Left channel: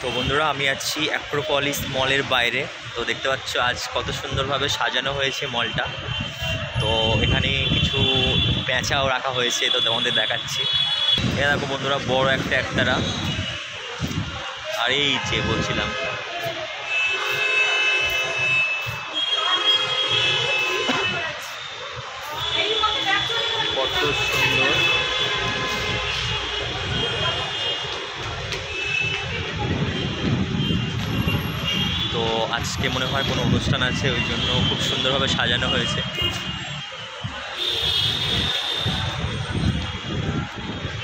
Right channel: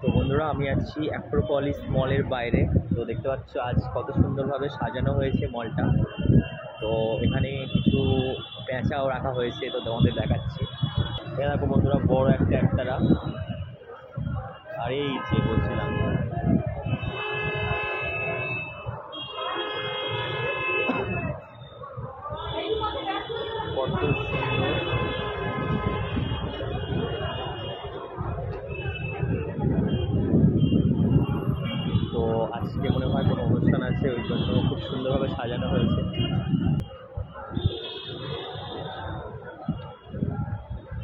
তো বন্ধুরা, আমি আছি অ্যাক্রোপলিস মলের বাইরে। তো দেখতে পাচ্ছ আজ কত সুন্দরভাবে সাজানো হয়েছে মলটা। তো এখানে কিছু পেঁচাও রাখা হয়েছে, তো তোমাদের দেখাচ্ছি। এ দেখো বন্ধুরা, বড় একটা একতারা। আর এই যে বলছিলাম, কত সুন্দর। তো আজকে মনে হয় কোনো অনুষ্ঠান আছে, ওই জন্য খুব সুন্দরভাবে সাজানো হয়েছে।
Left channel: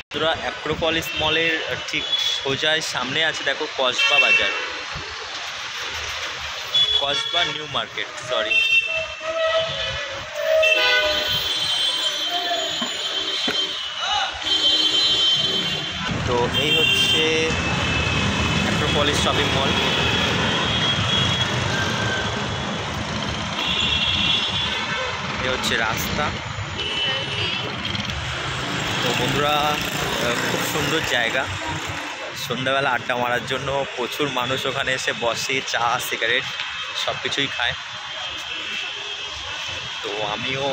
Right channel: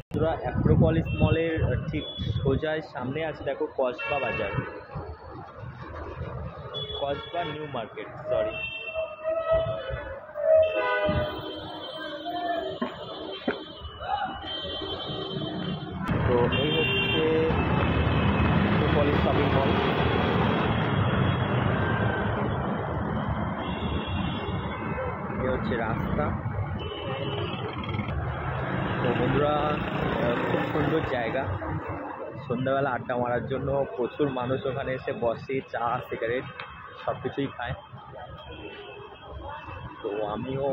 বন্ধুরা, অ্যাক্রোপলিস মলের ঠিক সোজায় সামনে আছে দেখো কসবা বাজার, কসবা নিউ মার্কেট, সরি। তো এই হচ্ছে অ্যাক্রোপলিস শপিং মল। এ হচ্ছে রাস্তা। তো বন্ধুরা, খুব সুন্দর জায়গা। সন্ধ্যাবেলা আড্ডা মারার জন্য প্রচুর মানুষ ওখানে এসে বসে, চা সিগারেট সব কিছুই খায়। তো আমিও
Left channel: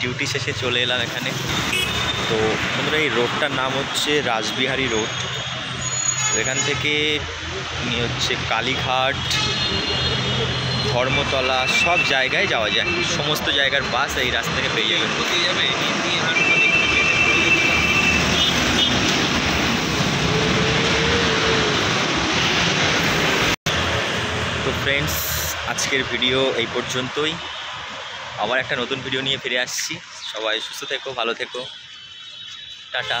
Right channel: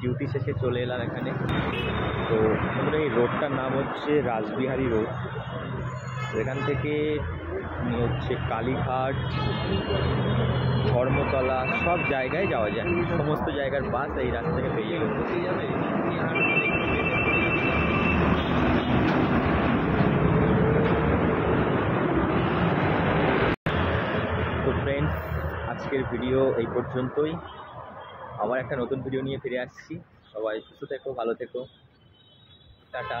ডিউটি শেষে চলে এলাম এখানে। তো বন্ধুরা, এই রোডটার নাম হচ্ছে রাসবিহারী রোড। এখান থেকে হচ্ছে কালীঘাট, ধর্মতলা সব জায়গায় যাওয়া যায়। সমস্ত জায়গার বাস এই রাস্তা থেকে পেয়ে যাবে। তো ফ্রেন্ডস, আজকের ভিডিও এই পর্যন্তই। আবার একটা নতুন ভিডিও নিয়ে ফিরে আসছি। সবাই সুস্থ থেকো, ভালো থেকো, টাটা।